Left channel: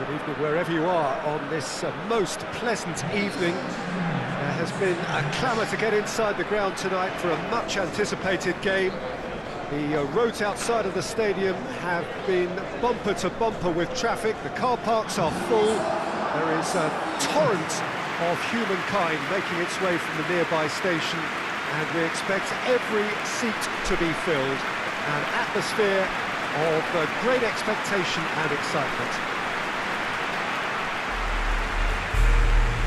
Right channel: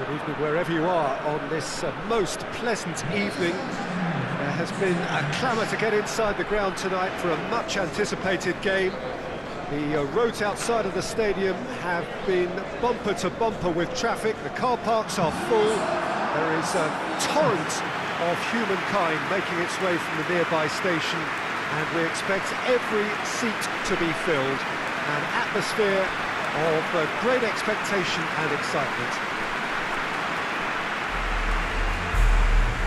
Good evening wherever you are on this most pleasant evening. There has been a clamour to get inside the ground tonight for a much-anticipated game. The roads outside of the stadium have been bumper to bumper with traffic. The car parks are full. There is a torrent of humankind making its way from the nearby station, and we expect every seat to be filled. An atmosphere of great expectation and excitement.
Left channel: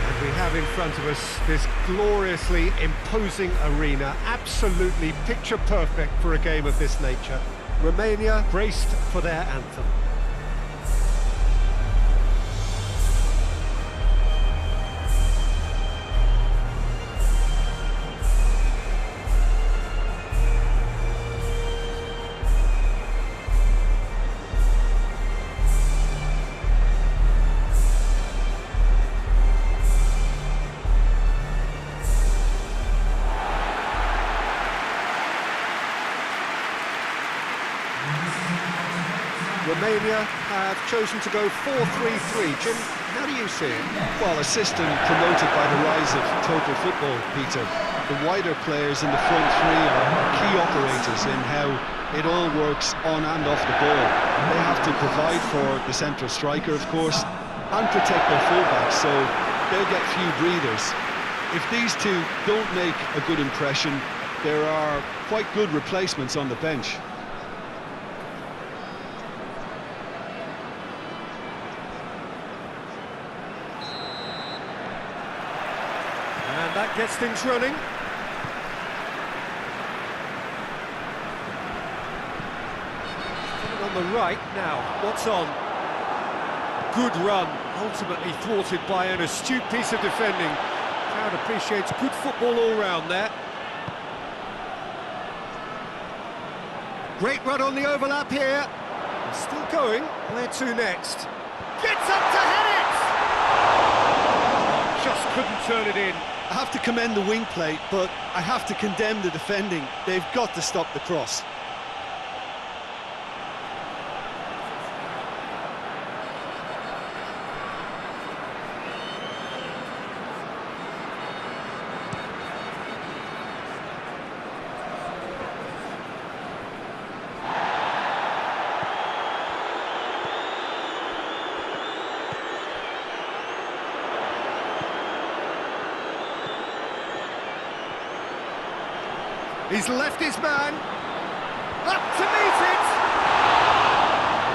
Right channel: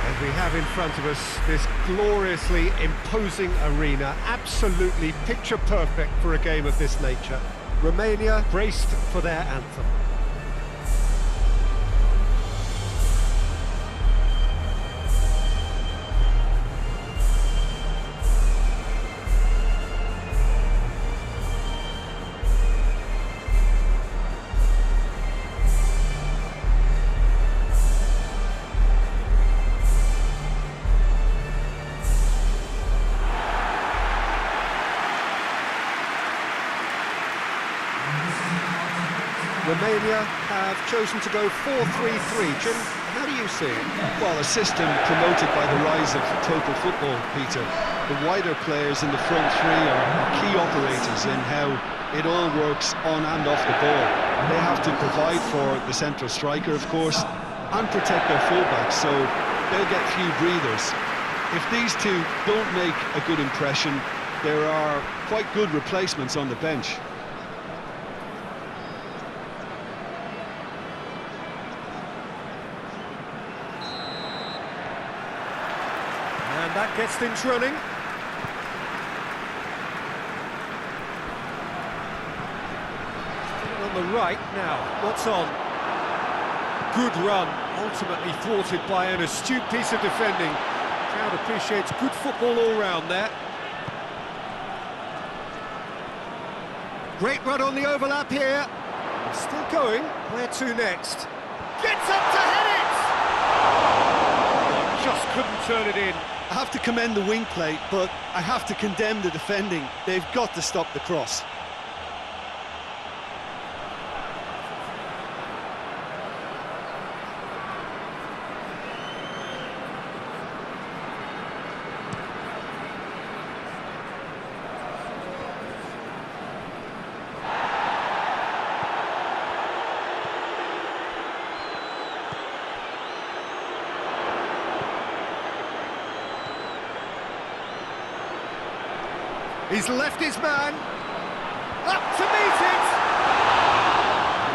And we have in front of us this gloriously imposing arena, absolutely picture perfect for a game of this nature. Romania braced for their anthem. Romania have chosen to go 4-3-3. Jim, how do you see it? Well, a system promoted by the rise of total football, Peter. The wider players in the front three are key operators in how it all works on and off the ball. They have to provide for the central striker, of course, and protect their fullbacks, so they'll get few breathers. If these two don't make a good impression, there are quite good replacements on the bench. And that gets things running. Still on the right now. What's on? Good run, ultimately thwarted by an astute piece of defending. Crowd appreciates good football all round there. Great run on the overlap here. It's still going. Where to next? Gets up to head it! Oh, just couldn't turn it in. I have to commend the wing play, but I have to condemn the defending. They've got to stop the cross. He's left his man. Up to meet it!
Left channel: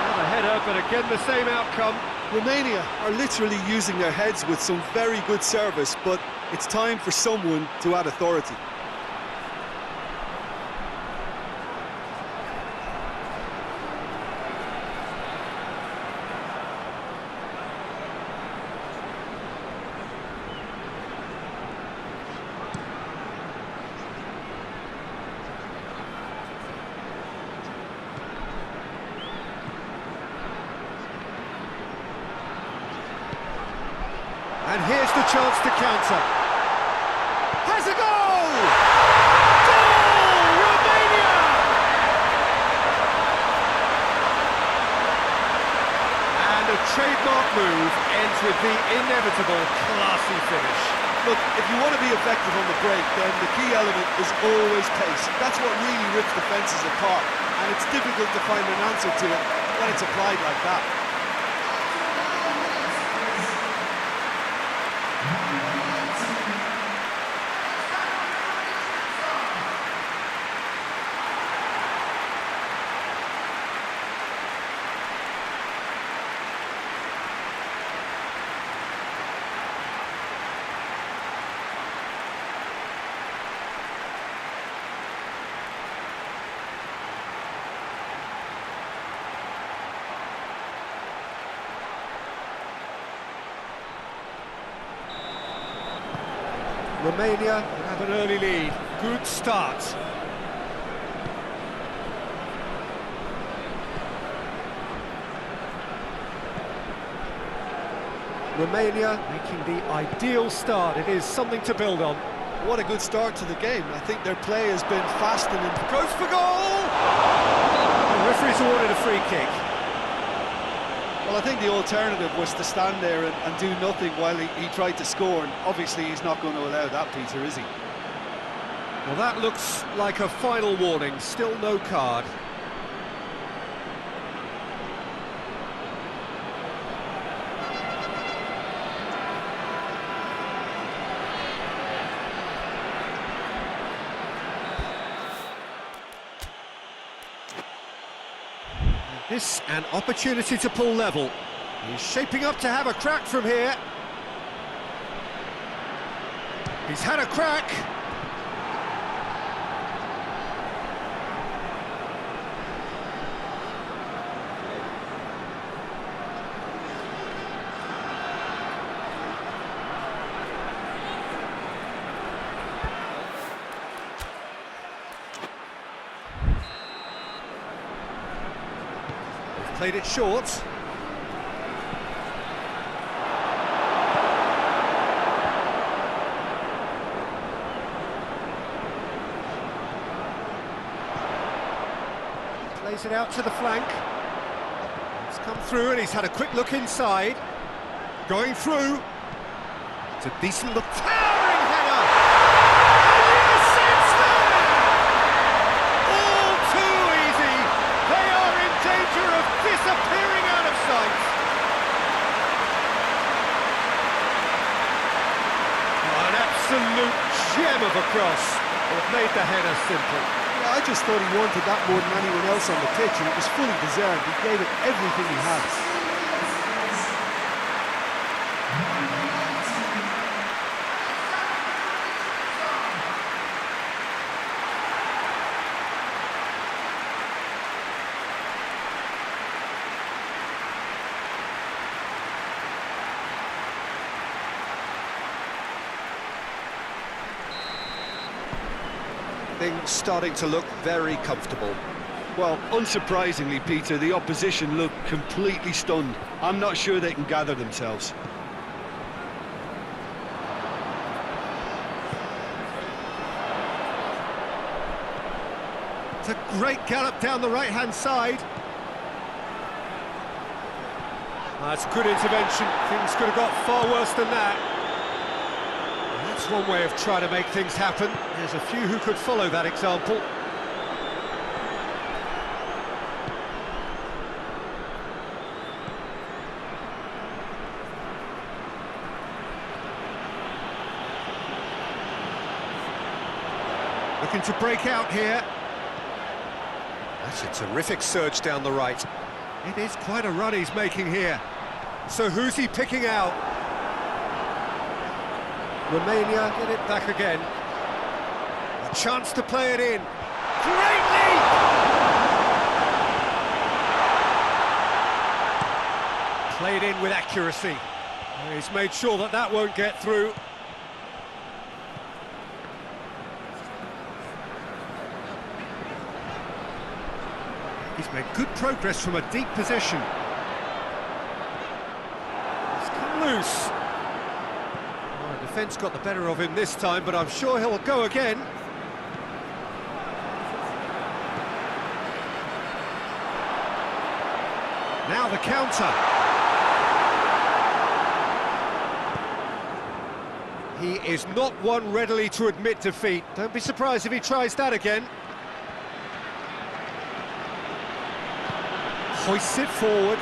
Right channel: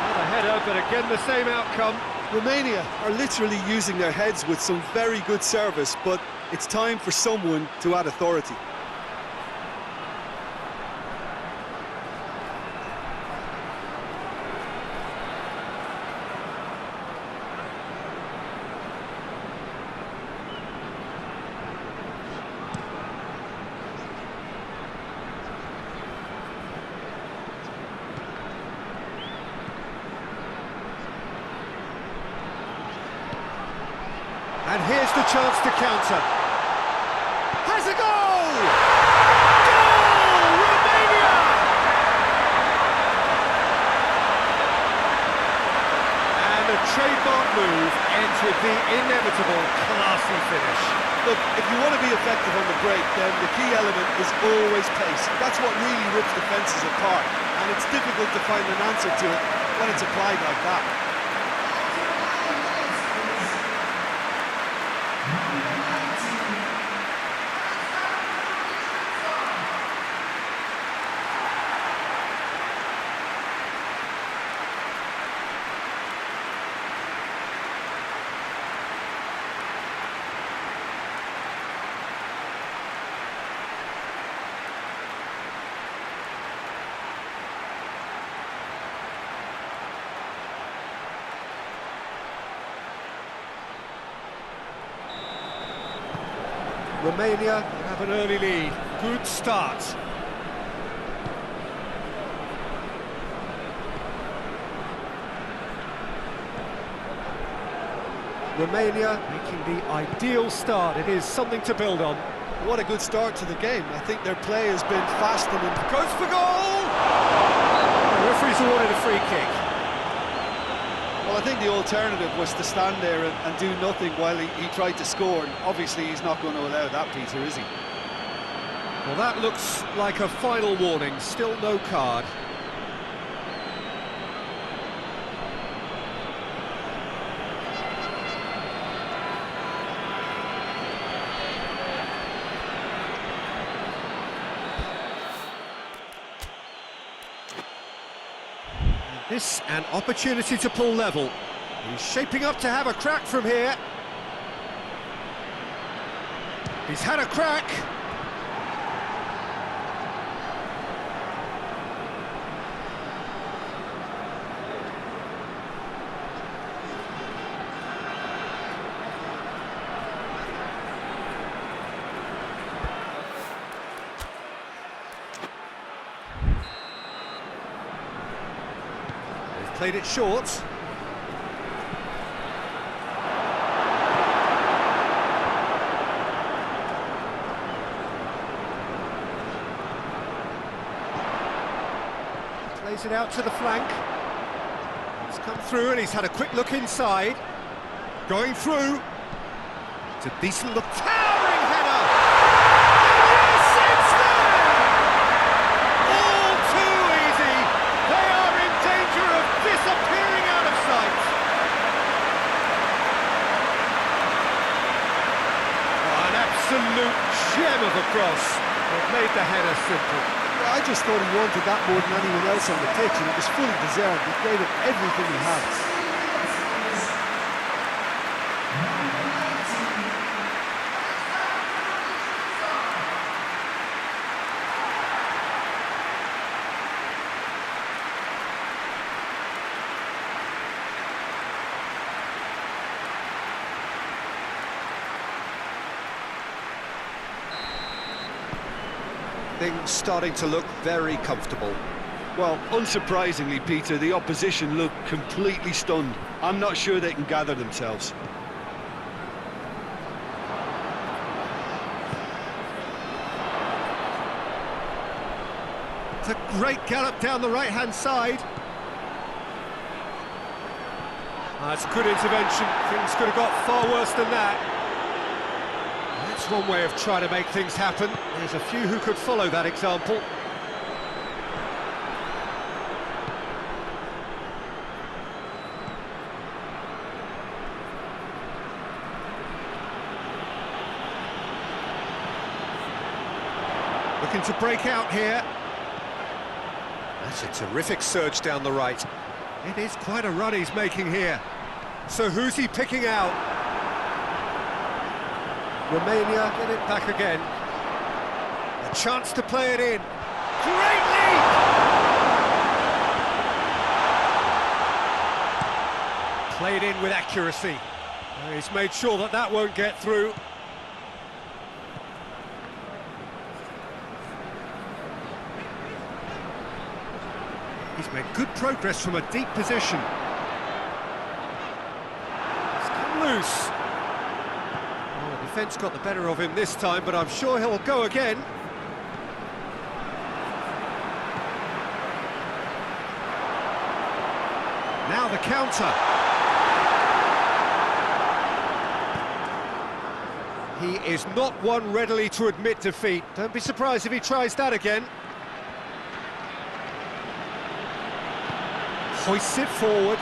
Another header, but again the same outcome. Romania are literally using their heads with some very good service, but it's time for someone to add authority. And here's the chance to counter. Has a goal! Goal! Romania! And a trademark move ends with the inevitable classy finish. Look, if you want to be effective on the break, then the key element is always pace. That's what really rips defences apart, and it's difficult to find an answer to it when it's applied like that. Romania have an early lead. Good start. Romania making the ideal start. It is something to build on. What a good start to the game. I think their play has been fast and goes for goal! The referee's awarded a free kick. Well, I think the alternative was to stand there and do nothing while he tried to score, and obviously he's not going to allow that, Peter, is he? Well, that looks like a final warning, still no card. This an opportunity to pull level. He's shaping up to have a crack from here. He's had a crack. Played it short. Plays it out to the flank. It's come through and he's had a quick look inside. Going through. It's a decent look. Towering header! And yes, it's there! All too easy. They are in danger of disappearing out of sight. Oh, an absolute gem of a cross. It made the header simple. Yeah, I just thought he wanted that more than anyone else on the pitch, and it was fully deserved. He gave it everything he had. Things starting to look very comfortable. Well, unsurprisingly, Peter, the opposition look completely stunned. I'm not sure they can gather themselves. It's a great gallop down the right-hand side. That's a good intervention. Things could have got far worse than that. That's one way of trying to make things happen. There's a few who could follow that example. Looking to break out here. That's a terrific surge down the right. It is quite a run he's making here. So who's he picking out? Romania get it back again. A chance to play it in. Great lead! Played in with accuracy. He's made sure that that won't get through. He's made good progress from a deep position. He's come loose. Well, the defence got the better of him this time, but I'm sure he'll go again. Now the counter. He is not one readily to admit defeat. Don't be surprised if he tries that again. Hoists it forward.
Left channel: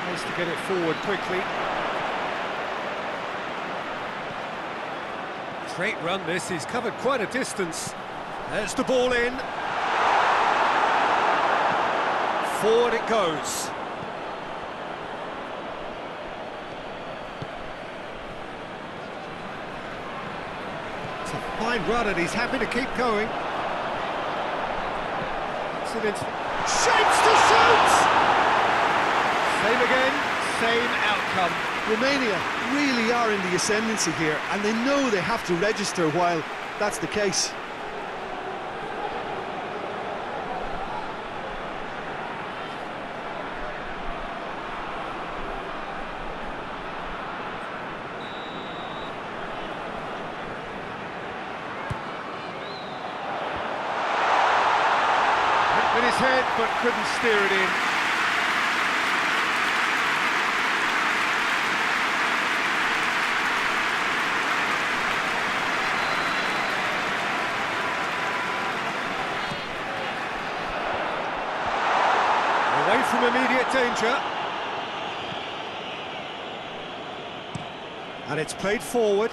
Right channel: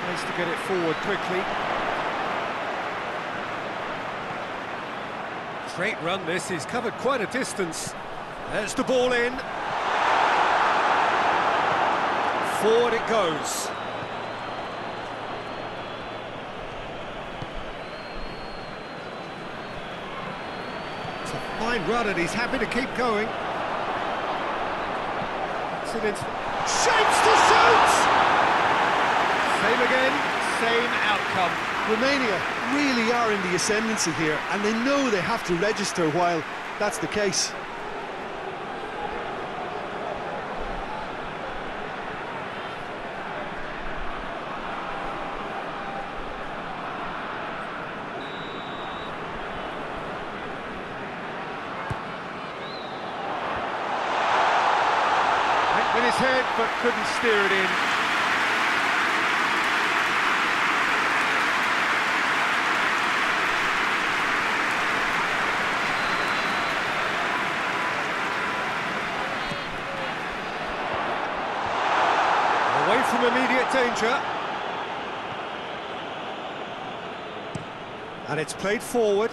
Tries to get it forward quickly. Great run this, he's covered quite a distance. There's the ball in. Forward it goes. It's a fine run and he's happy to keep going. Shapes to shoot! Same again, same outcome. Romania really are in the ascendancy here, and they know they have to register while that's the case. With his head, but couldn't steer it in. Away from immediate danger. And it's played forward.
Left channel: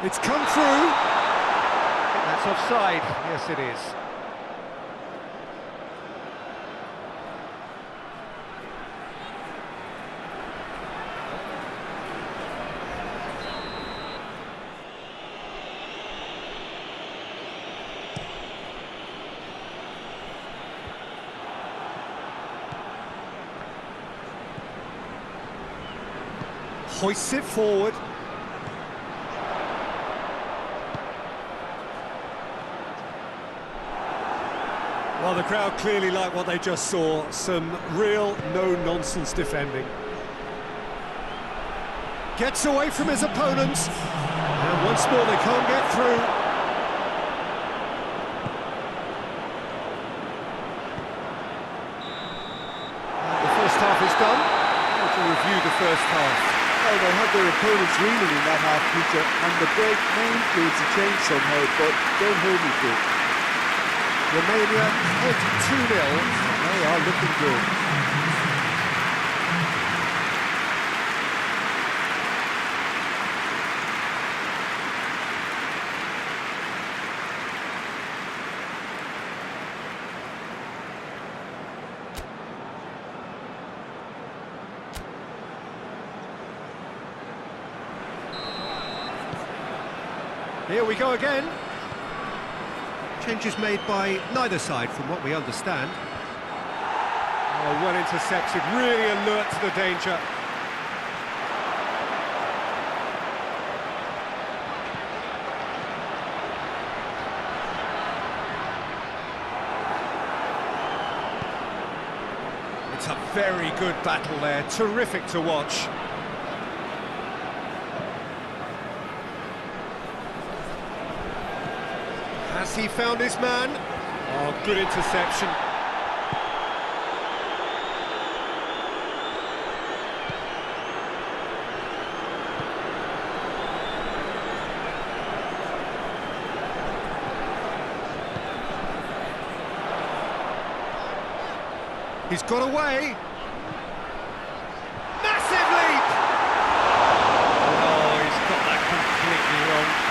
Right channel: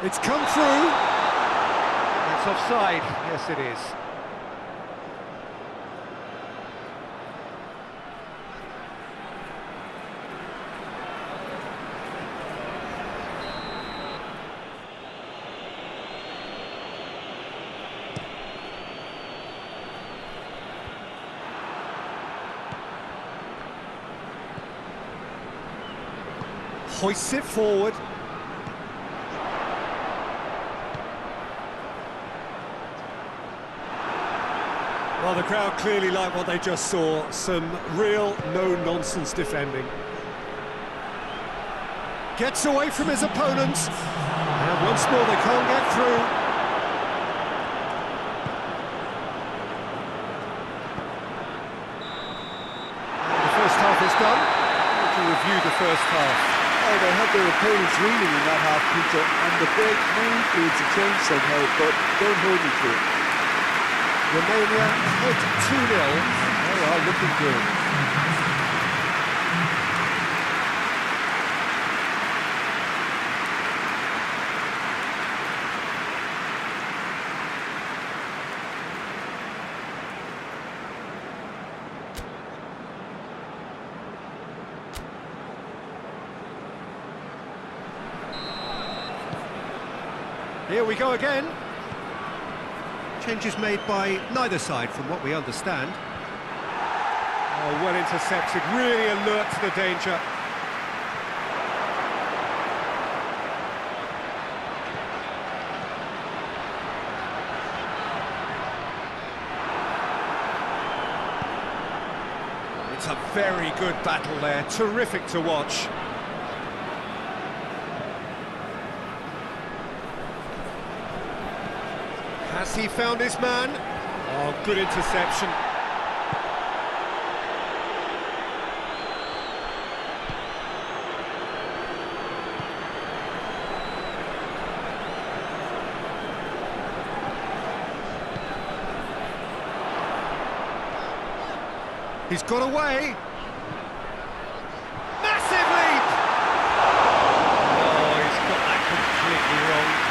It's come through. I think that's offside. Yes, it is. Hoists it forward. Well, the crowd clearly like what they just saw. Some real no-nonsense defending. Gets away from his opponents. And once more they can't get through. And the first half is done. How would you review the first half? Well, they had their opponents reeling in that half, Peter, and the break may influence a change somehow, but don't hold me to it. Romania ahead 2-0, and they are looking good. Here we go again. Changes made by neither side, from what we understand. Oh, well intercepted, really alert to the danger. It's a very good battle there, terrific to watch. Has he found his man? Oh, good interception. He's got away. Massive leap! No, he's got that completely wrong.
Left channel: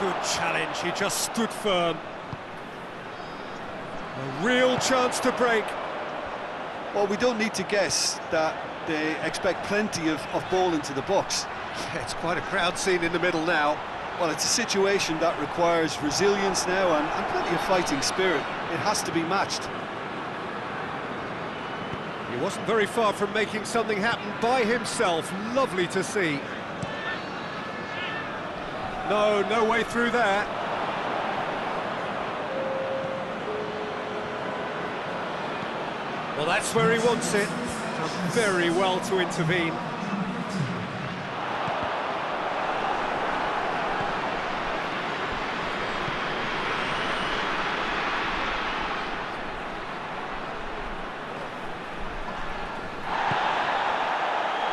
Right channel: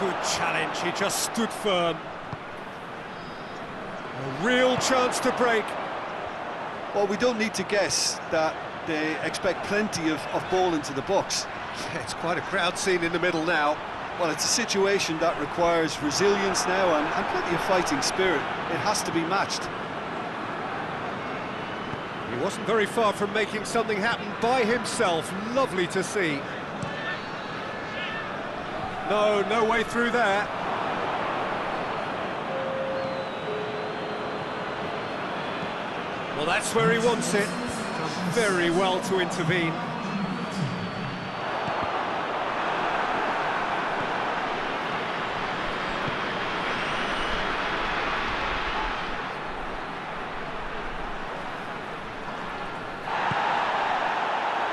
Good challenge, he just stood firm. A real chance to break. Well, we don't need to guess that they expect plenty of ball into the box. Yeah, it's quite a crowd scene in the middle now. Well, it's a situation that requires resilience now and plenty of fighting spirit. It has to be matched. He wasn't very far from making something happen by himself. Lovely to see. No way through there. Well, that's where he wants it. Done very well to intervene.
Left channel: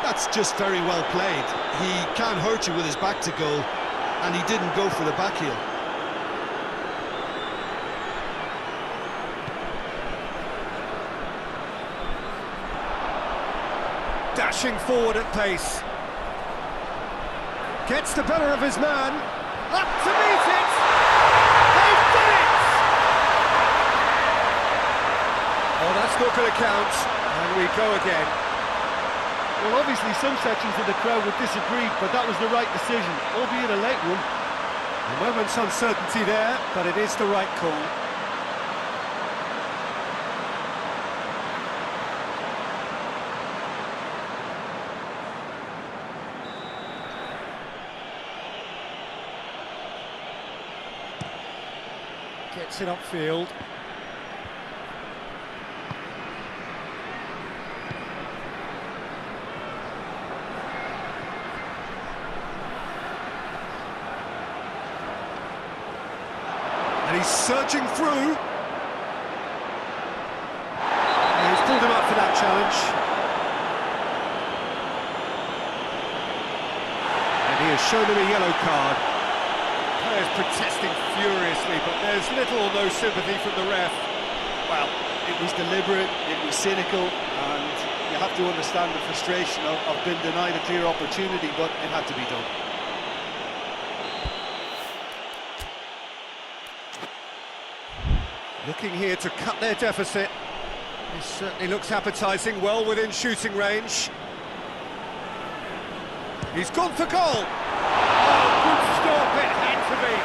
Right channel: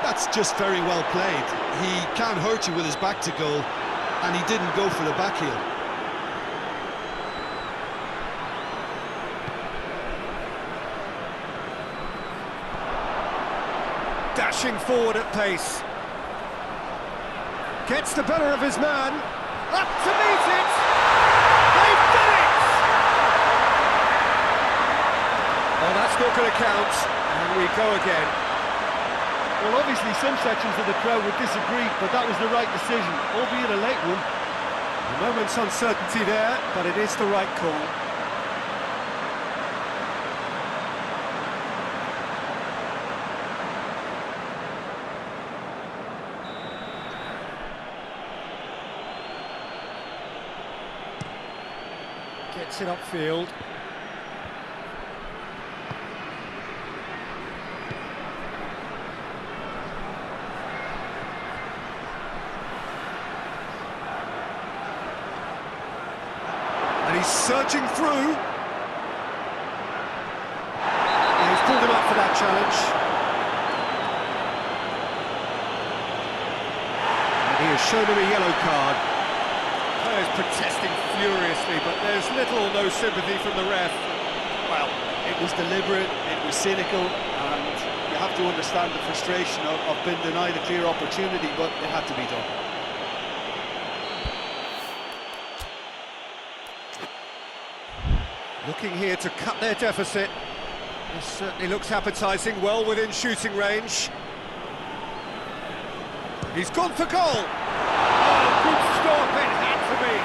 That's just very well played. He can't hurt you with his back to goal, and he didn't go for the back heel. Dashing forward at pace. Gets the better of his man. Up to meet it! They've done it! Oh, that's not going to count. And we go again. Well, obviously some sections of the crowd would disagree, but that was the right decision, albeit a late one. A moment's uncertainty there, but it is the right call. Gets it upfield. And he's surging through. Yeah, he's pulled him up for that challenge. And he has shown him a yellow card. Players protesting furiously, but there's little or no sympathy from the ref. Well, it was deliberate, it was cynical, and you have to understand the frustration of being denied a clear opportunity, but it had to be done. Looking here to cut their deficit. This certainly looks appetising, well within shooting range. He's gone for goal! Oh, good stop, it had to be!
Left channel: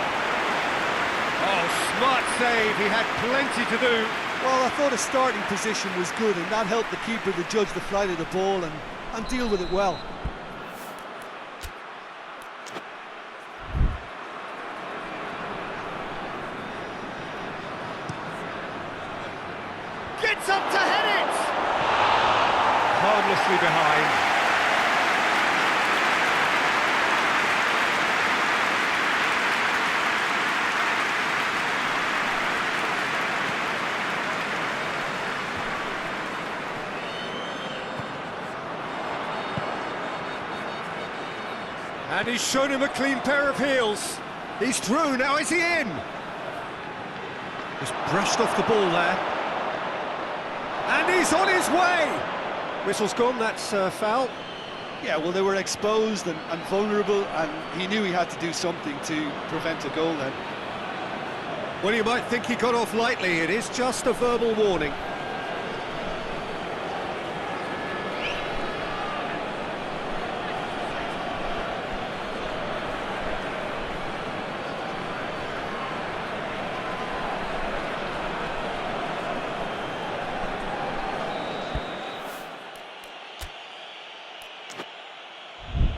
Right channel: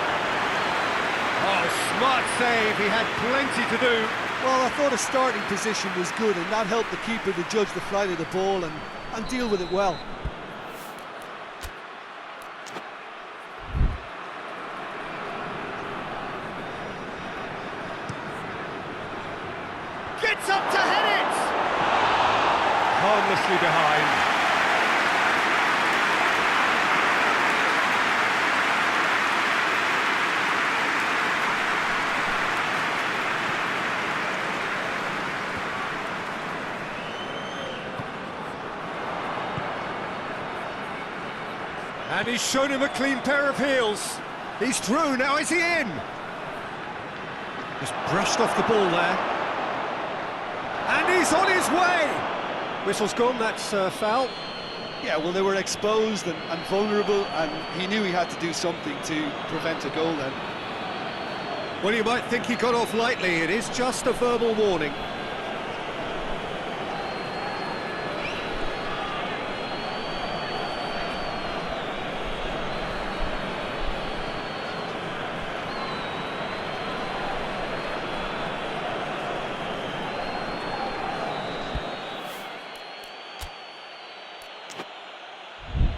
Oh, smart save, he had plenty to do. Well, I thought his starting position was good, and that helped the keeper to judge the flight of the ball and deal with it well. Gets up to head it! Harmlessly behind. And he's shown him a clean pair of heels. He's through, now is he in? Just brushed off the ball there. And he's on his way! Whistle's gone, that's foul. Yeah, well, they were exposed and vulnerable, and he knew he had to do something to prevent a goal then. Well, you might think he got off lightly, it is just a verbal warning.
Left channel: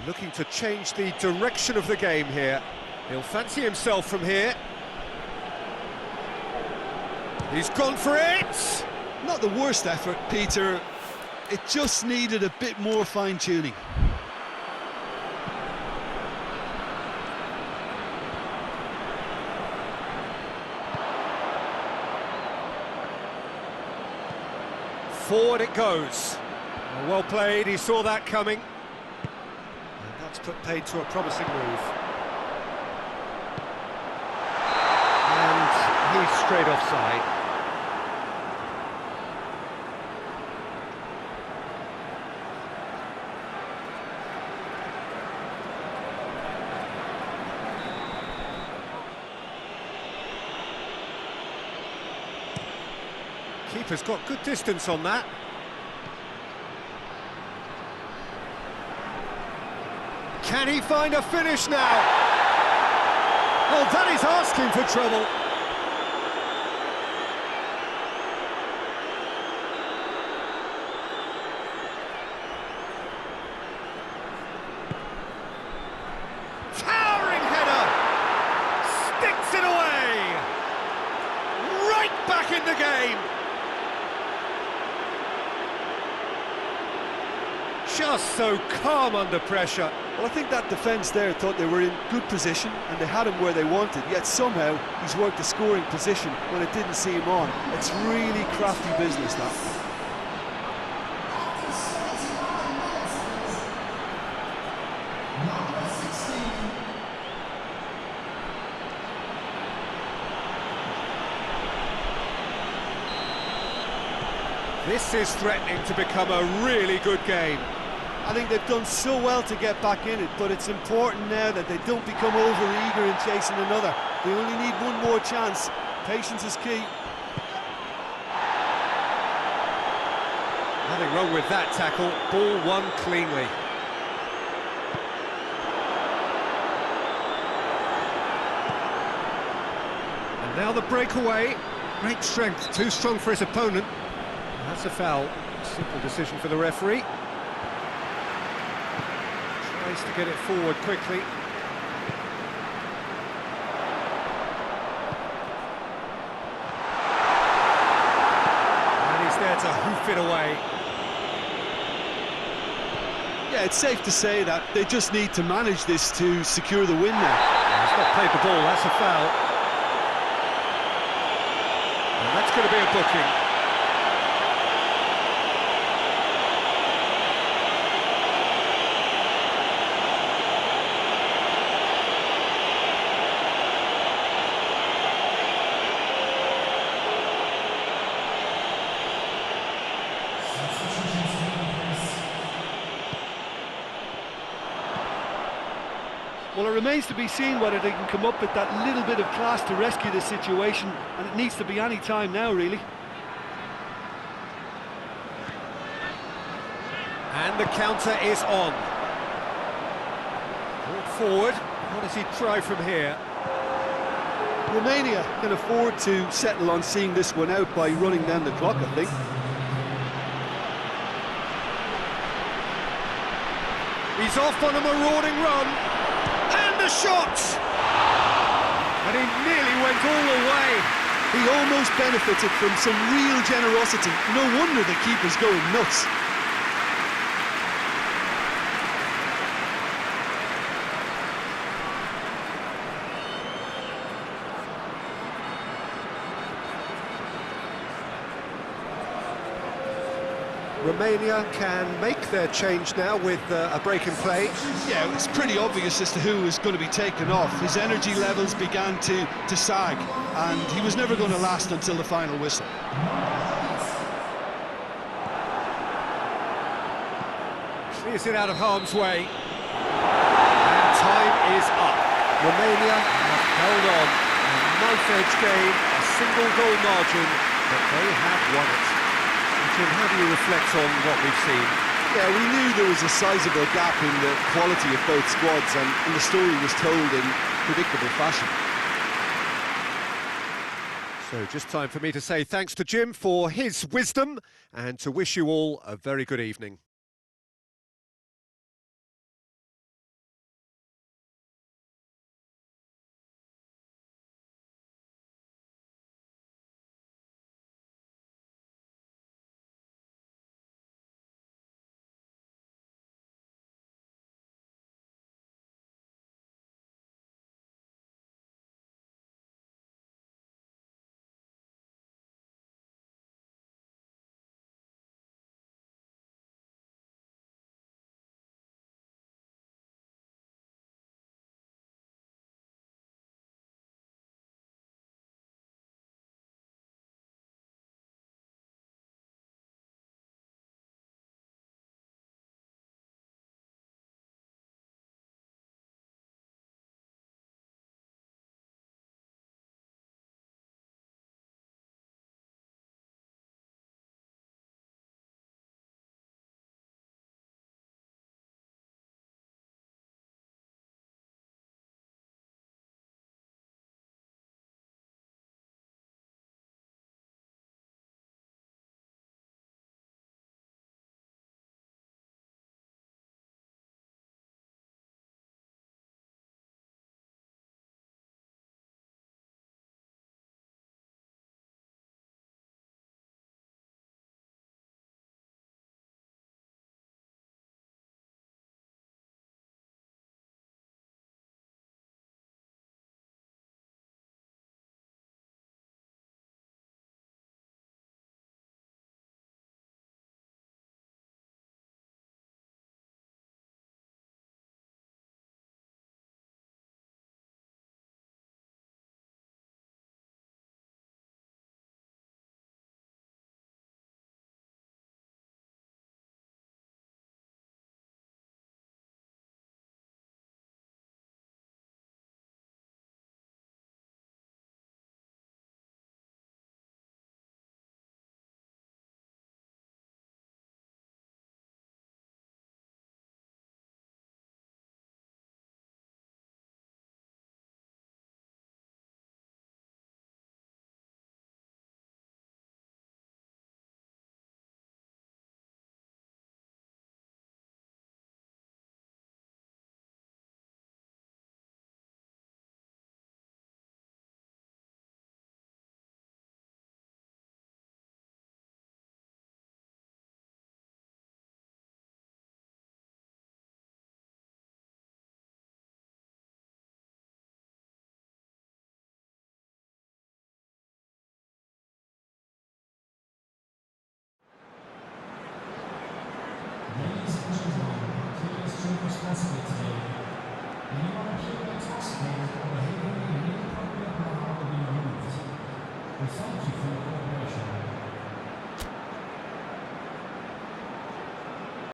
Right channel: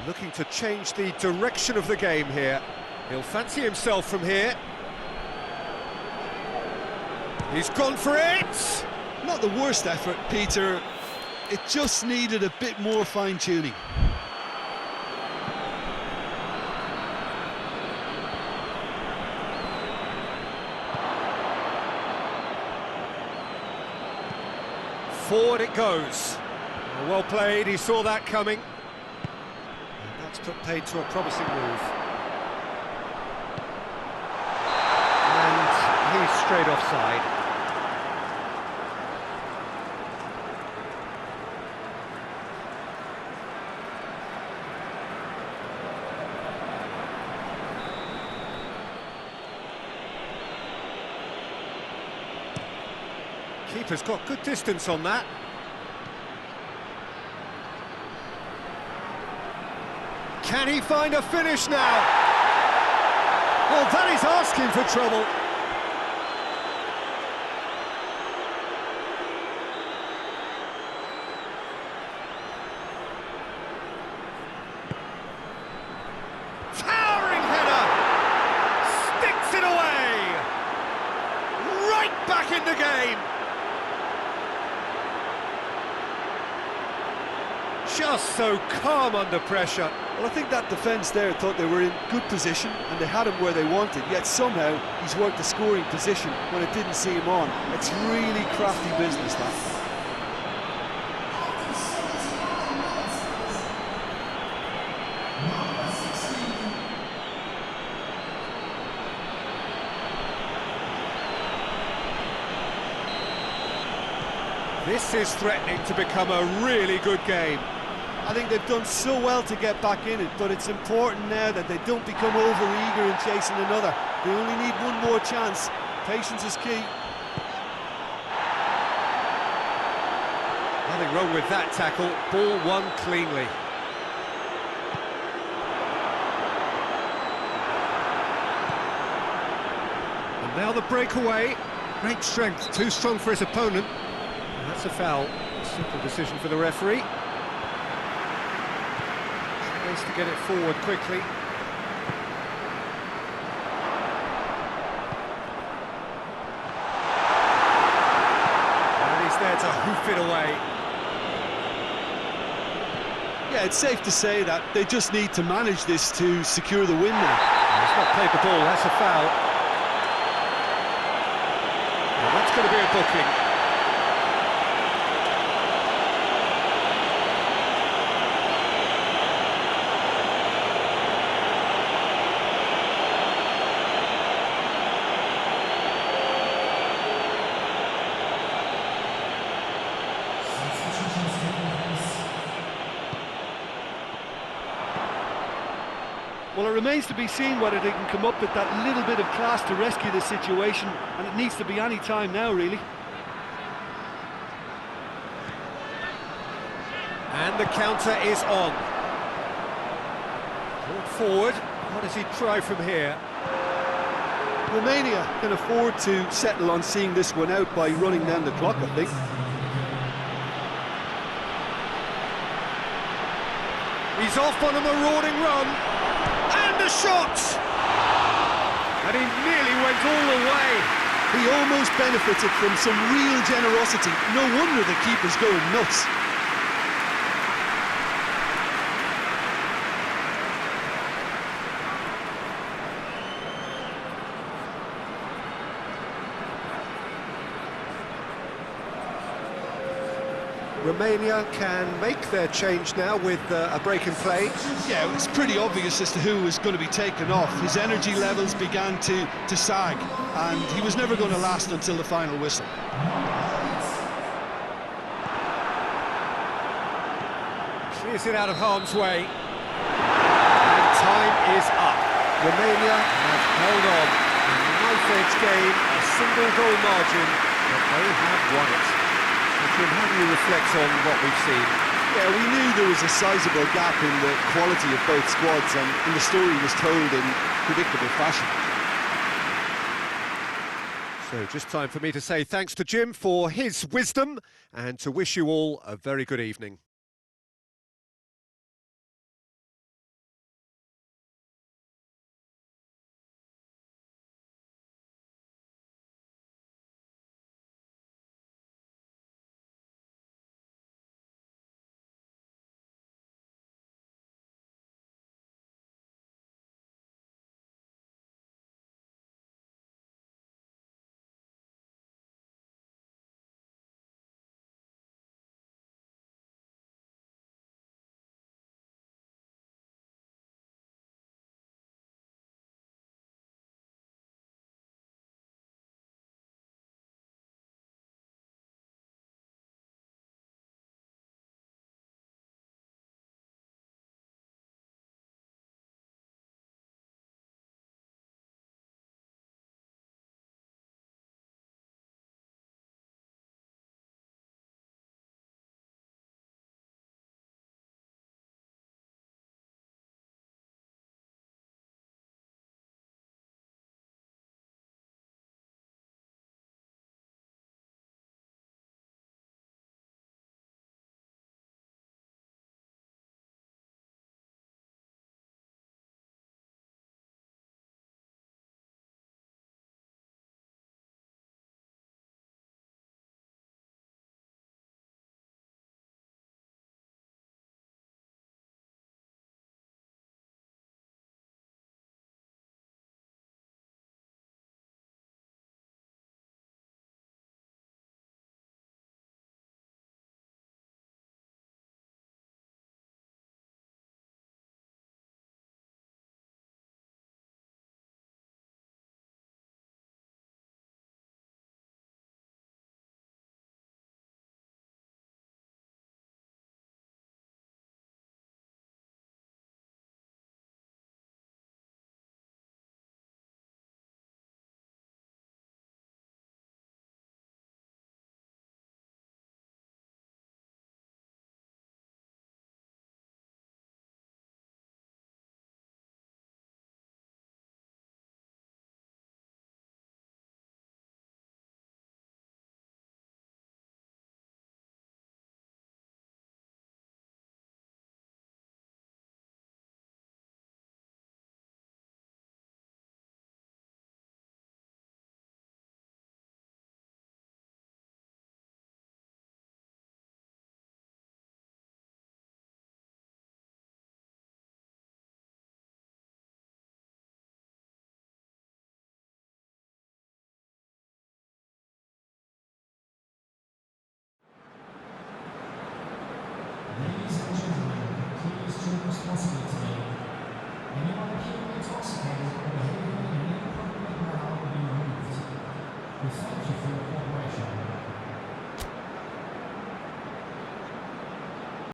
Looking to change the direction of the game here. He'll fancy himself from here. He's gone for it! Not the worst effort, Peter. It just needed a bit more fine-tuning. Forward it goes. Well played, he saw that coming. That's put paid to a promising move. And he's straight offside. Keeper's got good distance on that. Can he find a finish now? Oh, that is asking for trouble. Towering header! Sticks it away! Right back in the game! Just so calm under pressure. Well, I think that defence there thought they were in good position and they had him where they wanted, yet somehow he's worked the scoring position when it didn't see him on. It's really crafty business, that. This is threatening to become a really good game. I think they've done so well to get back in it, but it's important now that they don't become over-eager in chasing another. They only need one more chance. Patience is key. Nothing wrong with that tackle, ball won cleanly. And now the breakaway. Great strength, too strong for his opponent. And that's a foul. Simple decision for the referee. Tries to get it forward quickly. And he's there to hoof it away. Yeah, it's safe to say that they just need to manage this to secure the win now. He's not played the ball, that's a foul. And that's going to be a booking. Well, it remains to be seen whether they can come up with that little bit of class to rescue this situation, and it needs to be any time now, really. And the counter is on. Brought forward. What does he try from here? Romania can afford to settle on seeing this one out by running down the clock, I think. He's off on a marauding run. And a shot! And he nearly went all the way. He almost benefited from some real generosity. No wonder the keeper's going nuts. Romania can make their change now with a break in play. Yeah, it's pretty obvious as to who was going to be taken off. His energy levels began to sag, and he was never going to last until the final whistle. Clears it out of harm's way. And time is up. Romania have held on. A knife-edge game, a single goal margin, but they have won it. Jim, how do you reflect on what we've seen? Yeah, we knew there was a sizable gap in the quality of both squads, and the story was told in predictable fashion. So just time for me to say thanks to Jim for his wisdom and to wish you all a very good evening.